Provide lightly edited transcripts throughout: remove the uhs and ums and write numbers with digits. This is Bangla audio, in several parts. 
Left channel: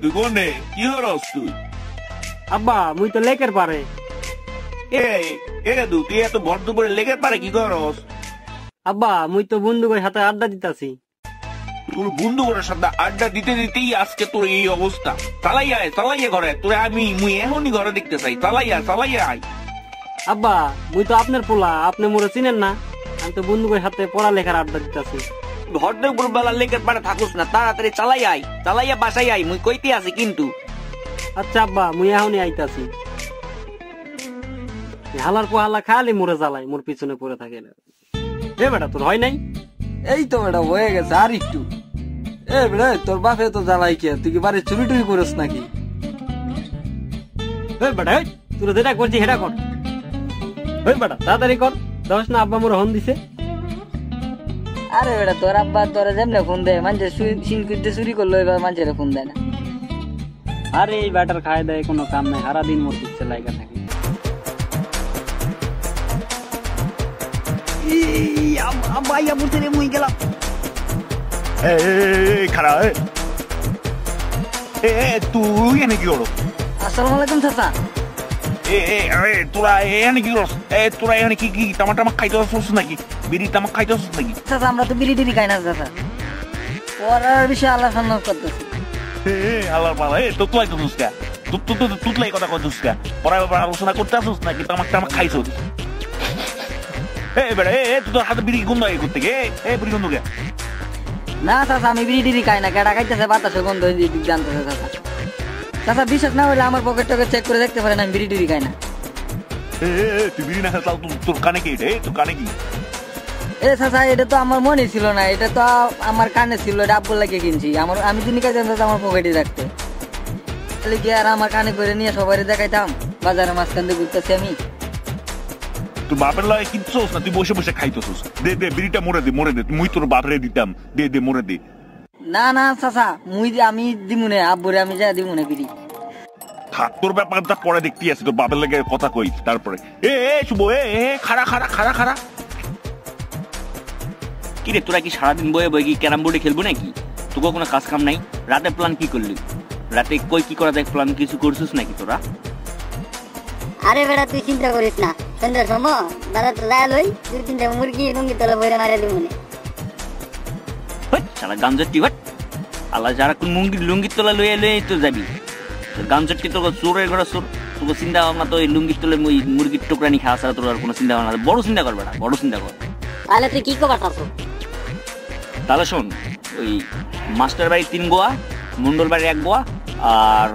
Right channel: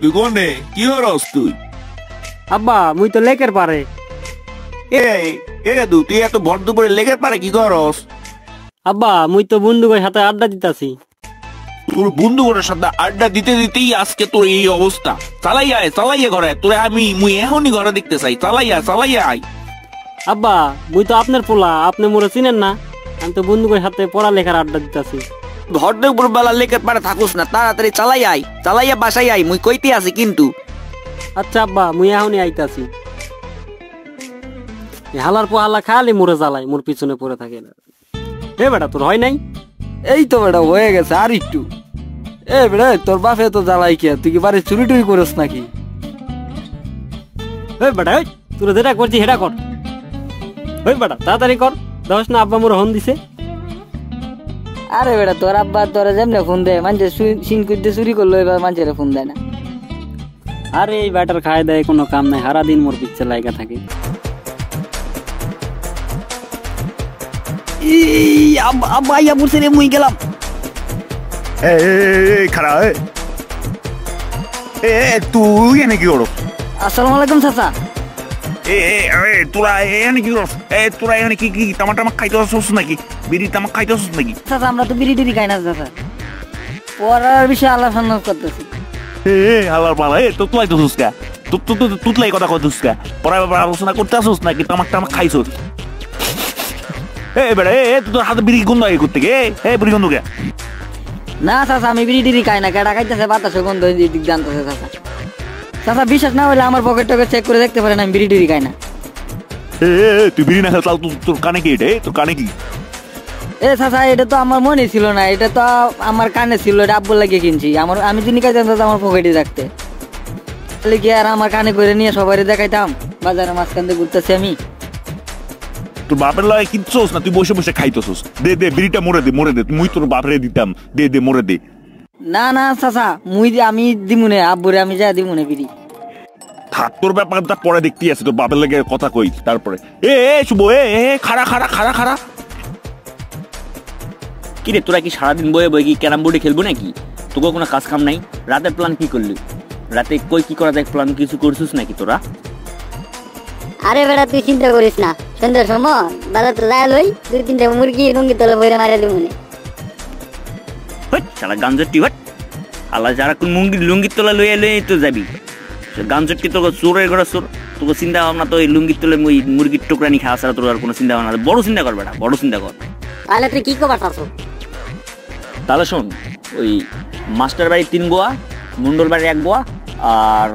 তুই কোনে কি হরস তুই? আব্বা মুই তো লেকের পারে। তুই এত ভর দুপুরে লেগের পারে কি করস? আব্বা মুই তো বন্ধুদের সাথে আড্ডা দিতাছি। তোর বন্ধুদের সাথে আড্ডা দিতে দিতেই আজকে তোর এই অবস্থা। চালাইয়া ঘরে তোরে মুই এখনই ঘরে দেখতে চাই। চালাইয়া আয়। আব্বা মুই তো আপনার পোলা, আপনি মোরে চিনেন না। আমি তো বন্ধুদের সাথে পড়ালেখার আড্ডা দিতাছি। ভর দুপুর বেলা লেকের পারে থাকুস না, তাড়াতাড়ি চালাইয়া বাসায় আই, মুই কইতে আছি কিন্তু। আচ্ছা আব্বা মুই এখনই আইতাছি। হালার পোহালা খালি মোরে জ্বালাই, মোর পিছনে পড়ে থাকে না। এ বেটা তোর হয় নাই? এই তো বেটা হয়ে গেছে আর একটু। এ বেটা তোর বাপে তো জ্বালাই কে, তুই কি বাড়ি চুরি টুরি করস নাকি? বেটা তোর যেটা করছি সেটা কর। বেটা তাড়াতাড়ি কর, দশ না আব্বা মোর হন দিছে। আরে বেটা তোর আব্বা তোরা যেমনে ফোন দেয়, মানুষ সিন করতে চুরি করলো, এবার মানুষের ফোন দেয় না। আরে এই ব্যাটার খায় দেয় কোনো কাম নাই, সারাদিন মোর পিচ্ছে লাগা থাকে। আব্বা আইয়া বলছে রে, মুই গেলাম। খারা তুই এনে কি করো? আসসালামু আলাইকুম চাচা। তোরা এখানে কি করস? তোরা এখানে কি তামাক খাইতে আসছিস নাকি? বিড়ি তামাক খাইতে আসছিস নাকি? চাচা আমরা তো বিড়ি টিড়ি খাই না চাচা, পড়ার বিষয়ে আল্লাহ সন্ন্যাস করতেছি। হালার পালা তো তুই তো সুস্কা তুতলাই কথা কইছিস কা? পড়ার ব্যাপারে আলোচনা করতে আসছিস নাকি তামাক খাইছস? বেড়া তুই তোর হাতে বিড়ি গন্ধ আগে করতে গে? বিড়ি গন্ধ কে? না চাচা আমি বিড়ি টিড়ি খাই না, কেডা খাইতেছে বাতাসে গন্ধ জানতেছে চাচা। চাচা বিশ্বাস না হলে আমার পকেট টকেট চেক করে দেখতে পারেন, আমি বিড়ি টিড়ি খাই না। তুই বিড়ি না খাও তোর কানে কি? তোর কানে কি? চাচা এটা তো আমার মনে ছিল না, এটা তো আমার কানে ছিল, এটা আব্বুর লাগিয়ে কিনছি। আমি যিনি খাইতাম আমার পকেটে রাখতে কি আর আমার কানে করে নিয়ে সবাই দেখাইতাম। বাজারে মাঝখান দিয়ে ঘুরতেছি আমি। তোর বাপের লাগে কিনছস না তুই বসে বসে খাইতেছস? দে বিড়িটা মরে দে মুই তোর বাপরে দিতাম। দে মরে দে। না চাচা আমি দিমুনে, আব্বুরে আমি যা দিমুনে বিড়ি। থাক তোর ব্যাপারটা পরে দেখতে আছে, তোর বাপের লাগে কথা কই তারপরে। শুভ খাড়া কি রে তোরা কি সারাদিন বয়ে বয়ে কি ক্যারাম বোর্ডে খেলবো নাকি? তোকে কোনো কাজ কাম নাই? রাতের প্ল্যান কি করলি? রাতে কই কি করা যায় প্ল্যান কিছু করছিস নাকি তোরা? আরে বেটা তুই চিন্তা করিস না, সন্ধ্যার সময় দাদা তো যাই লই 2-3টা মুরগি রঙি তলে বইরা মারা দিব মনে। শালা গাঞ্জটি আল্লাহ যারা কোন লুঙ্গির তলা লই তো যাবি গাঞ্জটি। তোর চোরের ঘরে চোর, তোকে চিন্তা ভাবনা তো এই লুঙ্গির তলে মুরগির টুকরানি খাওয়া ছাড়া তোর আর কোনো চিন্তা ভাবনা। বড় চিন্তা কর বেটা, বড় চিন্তা কর। তাহলে তুই কি কবার চাচ্ছ? তাহলে শোন, ওই মাস্টার বাড়ির 3 গোয়া, মন্ডল বাড়ির 1 গোয়া, আর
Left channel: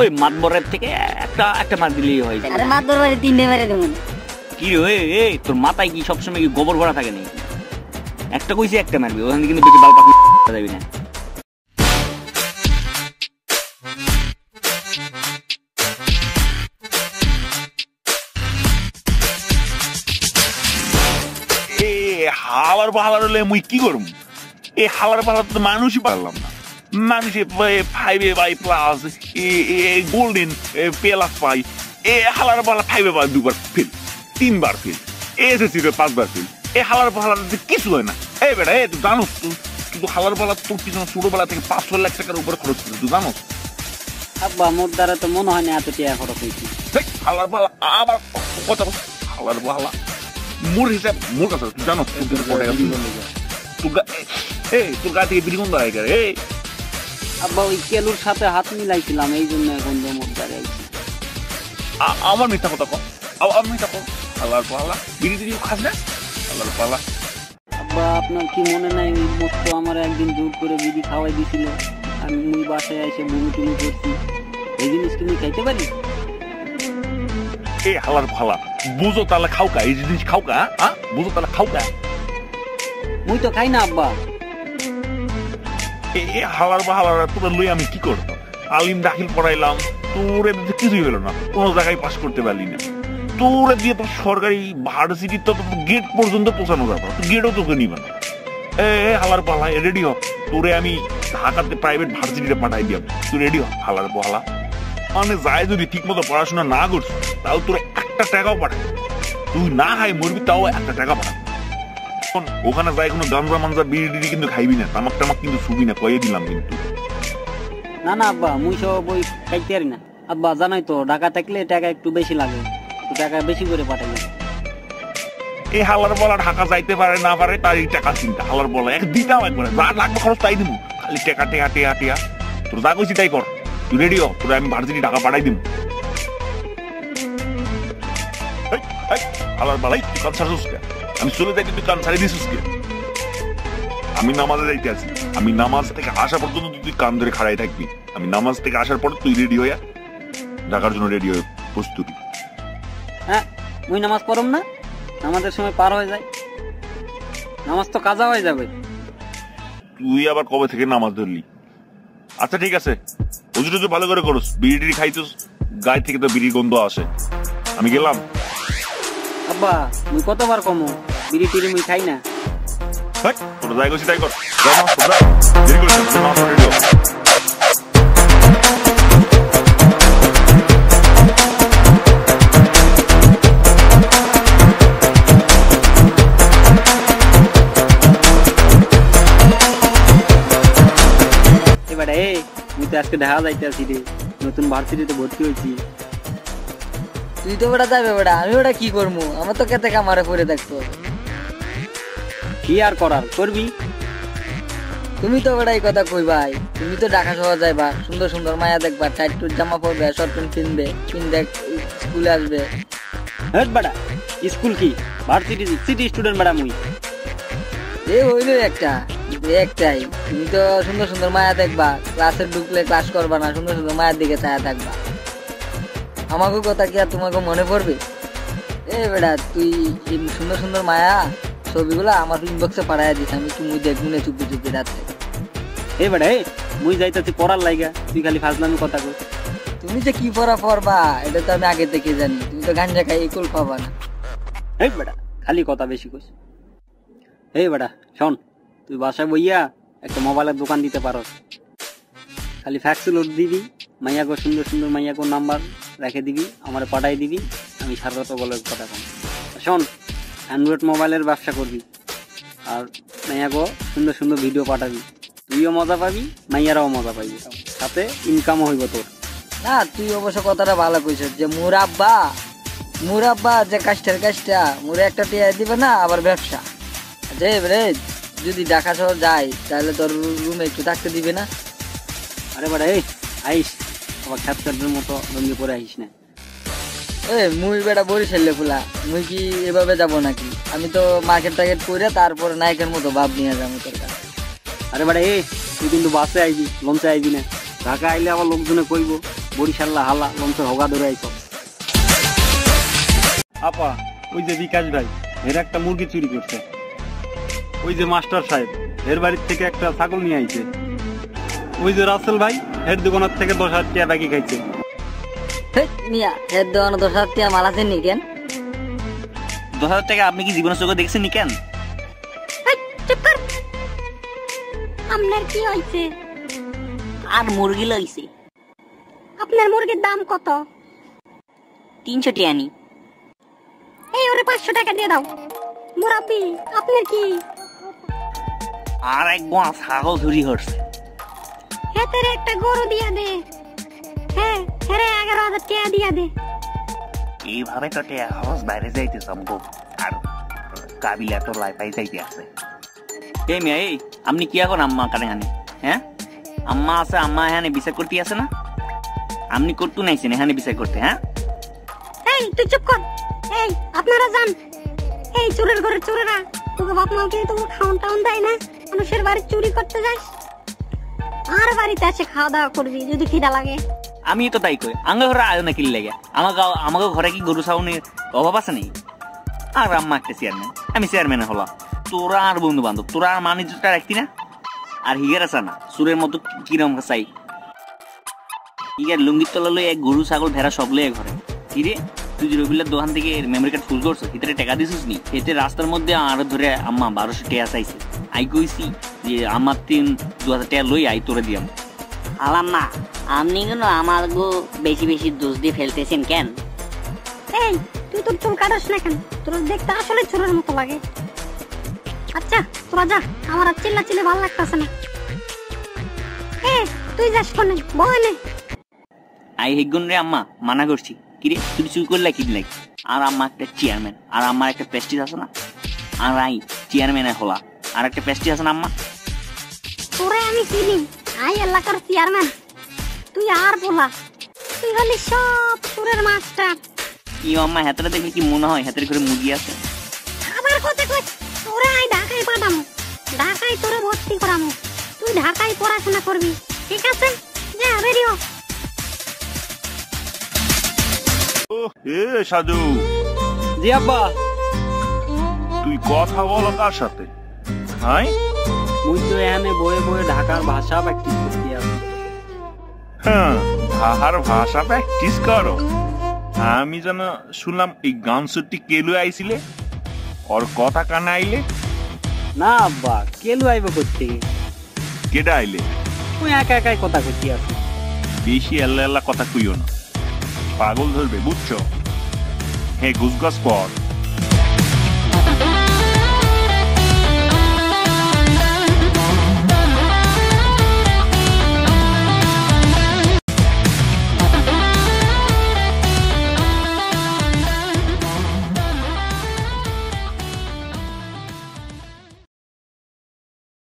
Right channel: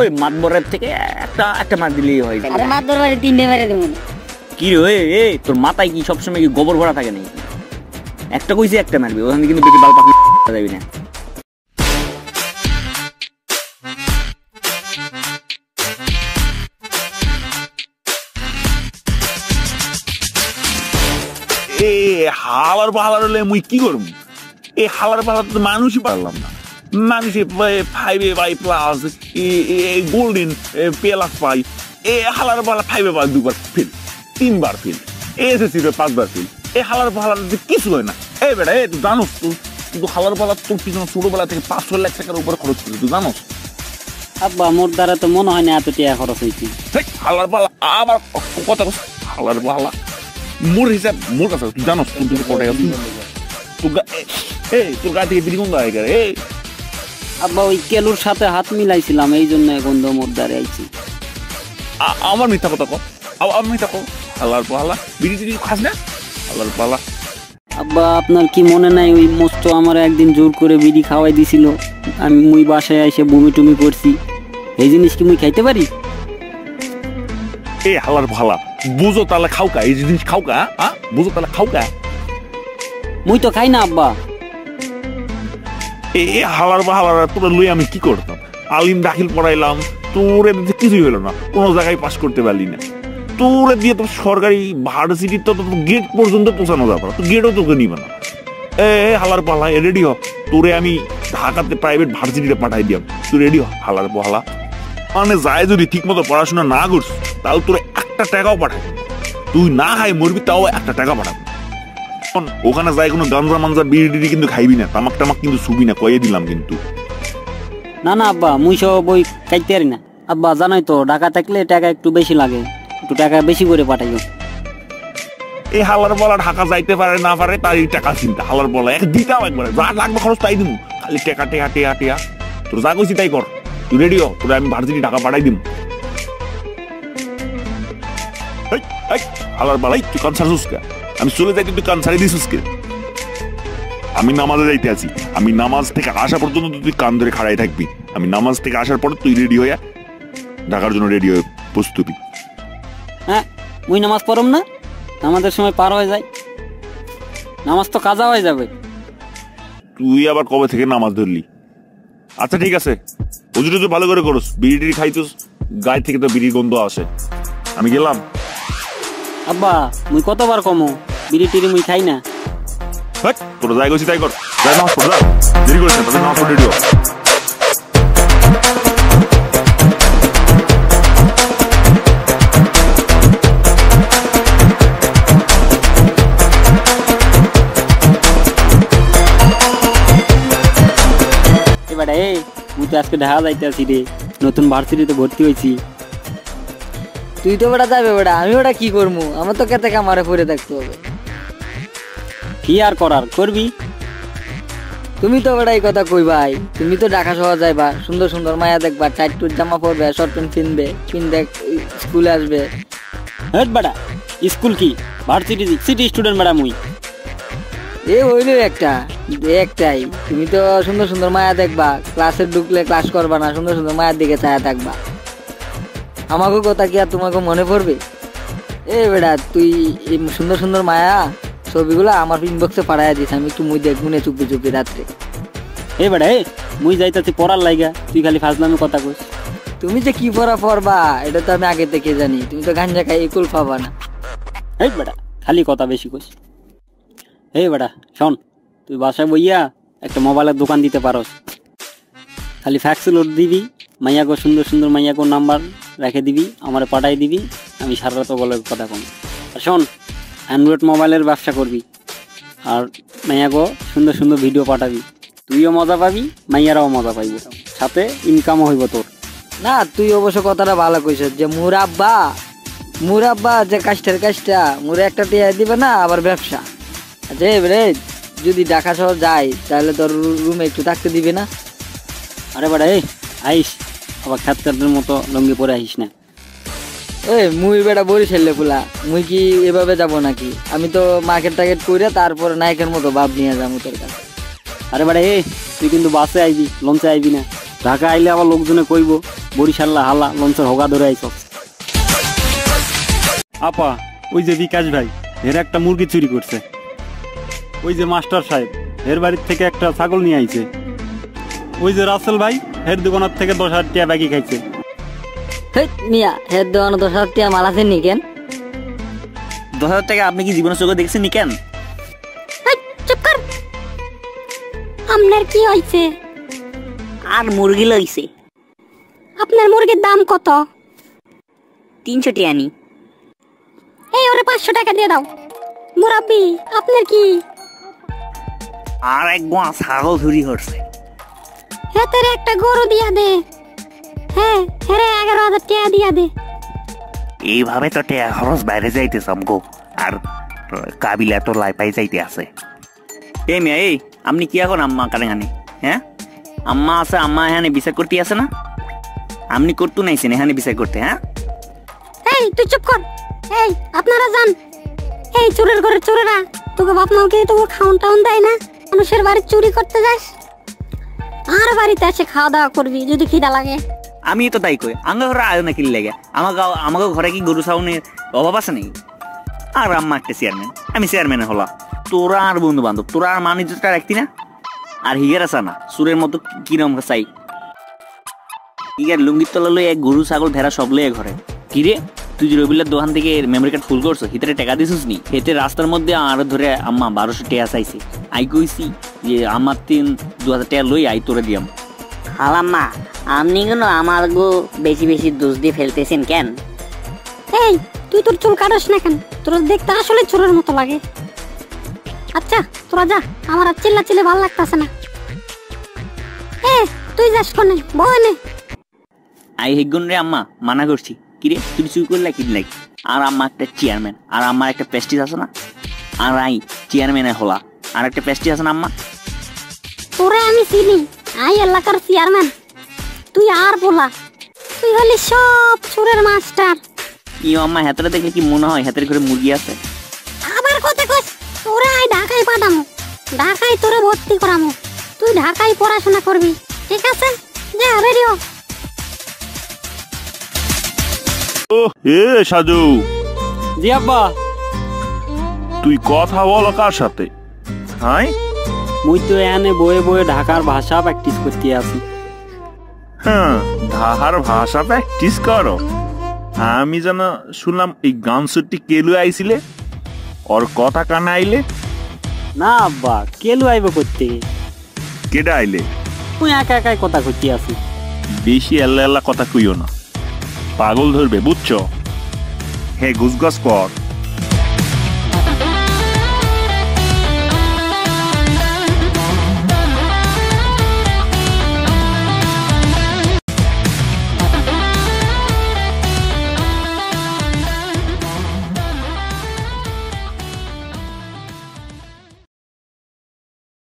ওই মাতবরের থেকে একটা মার দিলেই হয়। আরে মাতবর বাড়ি 3টে মেরে দেব। কি রে তোর মাথায় কি সবসময় কি গোবর ভরা থাকে নাকি? একটা কইছি একটা মারবি, ওখানে কিন্তু বেশি বাল পাকনি যাবি না। হালার পাহাড় হলে মুই কি করব? হালার পাহাড় তো মানুষই পারলাম না। মানুষে 5A+, গোল্ডেন প্লাস পাই। হালার পাহাড় 5A+ 2বার ফেল, 3বার ফেল, SSC 5বার ফেল। হালার পাহাড় কিছু হয় না। বেটা তুই জানোস কিন্তু হালার পাহাড় তোর পিছনে ছোটবেলা থেকে 5-6 লাখ টাকার উপরে খরচ করি, তুই জানোস? আব্বা মোর দ্বারা তো মনে হয় না এত টাকা খরচ হয়েছে। হালার পাহাড় আবার কথা হালার পাহাড় মোর হিসাব মোর কাছে তুই জানোস তোর গা থেকে বিড়ি গন্ধ আয় রে। আব্বা ওই কেলুর সাথে হাত মিলাইছিলাম, এই জন্য গন্ধ মোর দ্বারে আইছি। আমার মিথ্যা কথা কর, আমার মিথ্যা কর। হালার পাহাড় বিড়ি টিড়ি খাস না? হালার পাহাড় আব্বা আপনার কি মনে নাই ওই মস্ত আমার একদিন জোর করে বিড়ি খাওয়াই দিছিল, আমি মুই বাসায় এসে বমি টুমি করছি। এই জিনিস কি মুই খাইতে পারি? হালার ভালা বুঝো তাহলে খাওকা, এই জিনিস খাওকা, বুঝো তাহলে খাওকা। মুই তো খাই না আব্বা। হালার বাহালার তোরা লই আমি কি করতাম? আলিম দাখিল পড়াইলাম, তোর কিছুই হলো না, কোনো জায়গায় পাস করতে পারলি না। তোরা দিয়ে তো সরকারি ভার্সিটির তো গেট পর্যন্ত পৌঁছানো যাবে না, তো গেটও তোকে নিবে না। হালার পালা রেডি হ, তোরে আমি ঢাকাতে প্রাইভেট ভার্সিটিতে পাঠাই দিলাম, তুই রেডি হ। হালার পালা মানে যায় যদি ঠিক মতো পড়াশোনা না করছিস তাও তোর 1 টাকাও পাঠাবো। তুই না খাই মরবি তাও 1 টাকা পাঠাবো। ওখানে যাই কোনো গাঞ্জা মাঞ্জা বিড়ি টিড়ি কিন্তু খাইবি না, তামাক টামাক কিন্তু ছুবি না, কয়ে দিলাম কিন্তু। না না আব্বা মুই সব বই খাইতে পারি না আব্বা জানোই তো ঢাকা থাকলে টাকা একটু বেশি লাগে একটু টাকা বেশি করে পাঠাই এই হালার বলা ঢাকা যাইতে পারে না পারে তার এই টাকা চিন্তা হালার বলা এক দিতাম একবারে যা লাগবে খরচ তাই দিব খালি টেকা টেকা টেয়া টেয়া তোর যা কইছি তাই কর তুই রেডি হ তোর আমি ভার্সিটি টাকা পাঠাই দিব হালার বলাই তুই কান ছাড়ছিস কে আমি চলে যাইতে তুই কান ছাড়ি দিছিস কে আমি নামাজে যাইতে আছি আমি নামাজ থেকে আসা পর্যন্ত তুই কান ধরে খাড়াই থাকবি আমি নামাজ থেকে আসার পর তুই রেডি হইয়া ঢাকার জন্য রেডি হয়ে প্রস্তুতি হ্যাঁ মুই নামাজ পড়ম না আমাদের সময় পার হয়ে যায় নামাজ তো কাজা হয়ে যাবে তুই আবার কবে থেকে নামাজ ধরলি আচ্ছা ঠিক আছে ওজুরি তুই ভালো করে করস বিড়ি টিড়ি খাইছিস গায়ে থেকে তো বিড়ির গন্ধ আসে আমি গেলাম আব্বা মুই কতবার কমো বিড়ি টিড়ি মুই খাই না তোর যাই গেছি তাই কর নামাজ পড় দেরি করিস না তোর নামাজ পড়ে রেডি হ মুই তো আজকে ঢাকা যাইতে আছি রে নতুন ভার্সিটিতে ভর্তি হয়েছি তুই তো বেটা যাবে বেটা আমি ওটা কি করবো আমার তো কেতে কামারে পড়ে থাকতে হবে কি আর করার করবি তুমি তো বেটা এই কথা কই ভাই তুমি তো ঢাকা শহর যাইবা সুন্দর সুন্দর মায়া দেখবা টাইট টুট জামা পরবে শর্ট প্যান্ট কিনবে স্কুলে আসবে হেট বেটা স্কুল কি ভার্সিটি সিটি স্টুডেন্ট বেটা মুই এ হইলো একটাই তুমি তো সুন্দর সুন্দর মায়া দেখবা ক্লাসে ঢুকলে ক্লাস করবা না সুন্দর সুন্দর মায়ের দিকে ছায়া থাকবা আমাকে কথা কি আর তোমাকে মনে পড়বে এ বেটা তুই সুন্দর সুন্দর মায়া ছবিগুলো আমার ইনবক্সে পাঠাইয়া দিস আমি তুই দেখবো না চুপি চুপি রাত্রে এ বেটা মুই যাইতেছি পড়ার লাইগা তুই খালি ফাজলামি কথা কইস তুমি যে কি পড়বা এটা তো আমি আগে থেকে জানি তুমি তো গাঞ্জা খাই একুল পাবা না এই বেটা খালি কথা বেশি কইস এই বেটা শোন তুই বাসায় বইয়া একটা মোবাইলের দোকান দিতে পারো খালি ফ্যাক্স লোড দিবি মাইয়াকে সুন্দর সুন্দর মাইয়াকে নাম্বার রেখে দিবি আমার পাঠাই দিবি আমি সারা রাত বলে কথা কম আর শোন অ্যান্ড্রয়েড মোবাইলের ব্যবসা করবি আর মাইয়াকে সুন্দর সুন্দর ভিডিও পাঠাবি তুইও মজা পাবি মাইয়ারাও মজা পাইবি সাথে ইনকামও হইব তোর না তুই অবশ্য কথাটা ভালো কইছ যে মুরাব্বা যে কাজটা মুরে একটা টিয়া দিবে না আবার ব্যবসা রে যদি ঢাকা শহর যাই তাহলে তোর রুমে একটু থাকতে দিবে না আরে বেটা এই আইস আবার খাতকারদের মতো লঙ্গি পরে আইস না মুই বেটা বরিশালে ফুলা মুই কি এভাবে যাব নাকি আমি তো মার্কেট টার্গেট করে তারপরে নায়কের মতো ভাব নিয়ে যাবো তোর কাছে আরে বেটা এই তুই কিন্তু বাসে আইবি লঞ্চে আইবি না ঢাকা আইলে আবার লোকজনে কইব বরিশাল্লা হালা লঞ্চে হগা ধরে আইস আপা ওই যে বিকাশ ভাই এর একটা মুরগি চুরি করছে ওই যে মাস্টার সাহেব এর বাড়ির থেকে একটা ছাগল নিয়ে আইছে ওই যে রাসেল ভাই এর দোকানের থেকে 10,000 টাকা বাকি খাইছে মিয়া হের দোকানে 10,000 টাকা মাল আছে নি কেন 10,000 টাকা আপনি কি জীবনের চোখে দেখছেন নি কেন চুপ কর আপনার কি হইছে আর মুরগি লইছে আপনার মুরগির দাম কত 300 টাকা নি এই ওরে 500 টাকা দিয়ে দাও মুরাব্বি আপনার কি আর এক গোয়া ছাগল চুরি হচ্ছে হেতের একটা গরু দিয়া দে হ্যাঁ হেরে 11,000 টাকা দিয়া দে এইভাবে তো টাকা খরচ বাইরে যাইতে আমগো আর কাবিলা তো লাই পাই যাইতে আছে এই মেয়ে এই আপনি কি এখন আম্মা কানে কানে হ্যাঁ আম্মা আছে আম্মা এখানে বিচার করতে আছে না আপনি করতে নাইছেন এখানে বিচার করতে হ্যাঁ এই তুই চুপ কর এই আপনারা যান এই চোরের ঘরে চোরেরা তোকে বাপ মাকে তোকে খাওন টাউন দেয় না মানুষের বাড়ি চুরি করতে যাস আর বাড়িতে এসে খাওয়া দাওয়া করবি যদি খিদা লাগে আমি তো তাই কই আঙ্গা ঘরে আয় না কি লাগে আমাকে ঘরে কি গরু ছাউনের অভাব আছে নাকি আর আম্মা একটা চেয়ারম্যান আমি চেয়ারম্যান হলাম তোরা আর বন্ধু বান্ধব তোরা আর মানিজটা রাখতি না আর হিগের আসা না সুরের মতো কিরম চাই হিগের লুঙ্গির তলা লই এক গরু ছাগল ভেড়া সব লয়ে ঘরে কিরে তুই যে রবিলের দোকান থেকে মেমোরি কার্ড ফুল করছো ভিতরে টাকা দিছিস নি হেতে রাস্তার মধ্যে আর ধরে আম্মা 1200 টাকা চাইছে আই কইছি যে আমার 2,000 টাকা লই আই তোরে দিয়াম আলাম্মা আপনি কেন আমার গো বেশি বেশি দোষ দিয়ে ফেলতেছেন কেন এই তুই তোর চুল কাটাস না কেন তোর দেখতে আসলে চোরের মতো লাগে আচ্ছা তোরা যা আমার আর চিল্লা চিল্লে ভালো লাগতেছে না তুই তুই যাস কোনে বনে? আই হেগুন রে আম্মা মানা করছি কিরে তুই চুরি করলে কি লাগ আর আম্মা একটা চেয়ারম্যান আর আমার একটা প্রেস্টিজ আছে না আর আই চেয়ারম্যানে হলা আর একটা প্রেস্টিজ আছে না আম্মা তোরে আমি চিনি আই এলাকার চেয়ারম্যান তুই আর বলা তুই হলি সব চোরের মাস্টার ই আম্মা হাতটা দেখলে কি মনে হয় হাতের করে মুরগি আছে আবার কথা কইস তোরে আই ঢাকায় পাঠামু ঢাকায় তোরে ভর্তি করামু তুই ঢাকায় পড়াশোনা করবি ঠিক আছে যা বেরিও ও এ সাজু জি আব্বা তুই কথা বল কার সাথে? হাই মুই তো এখানে বয়ে বয়ে ঢাকার ভাষা প্র্যাকটিস করতে আছি। হ্যাঁ ঢাকার ভাষা প্র্যাকটিস করো। আমি যেন শুনলাম এই গান সুরটি কেলু আইছিলে ওর কথা কানে আইলে। না আব্বা কেলু আইব করতে কেডা আইলে? মুই একা একাই কথা করতে আছি। বেশি আল্লাহ আল্লাহ কথা কইও না, পাগল ধরবে বুঝছো? হে গুজগাছ কর।